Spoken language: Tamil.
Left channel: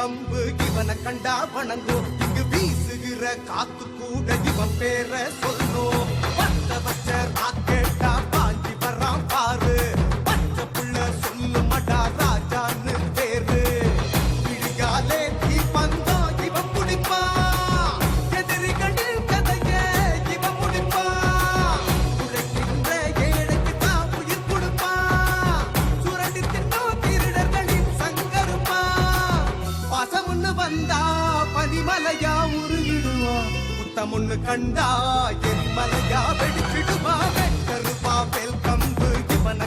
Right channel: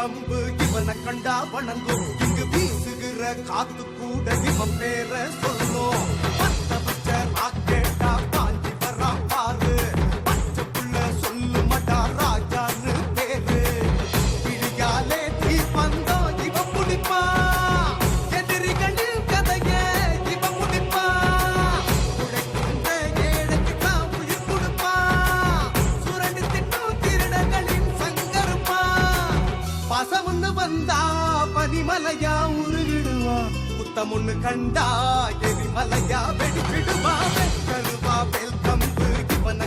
கம்பு இவனை கண்டா வணங்கும். இங்கு வீசுகிற காத்து கூட இவன் பேர சொல்லும். பத்த வச்ச ராக்கெட்டா பாஞ்சி வரான் பாரு. பச்சை புள்ள சொல்லு மடா ராஜான்னு பேரு. விழியாலே தீ பந்தோ இவன் குடிப்பா. எதிரிகளின் கதைய இவன் முடிப்பா. உழைக்கின்ற ஏழைக்கு தான் உயிர் கொடுப்பா. சுரண்டி தின்னும் திருடர்களின் சங்கருப்பா. பசமுன்னு வந்தா பனிமலையா உருகிடுவா. புத்தமுன்னு கண்டா எரிமலையா வெடிச்சிடுவா. வெட்டருவா வெல்கம்பு இவனை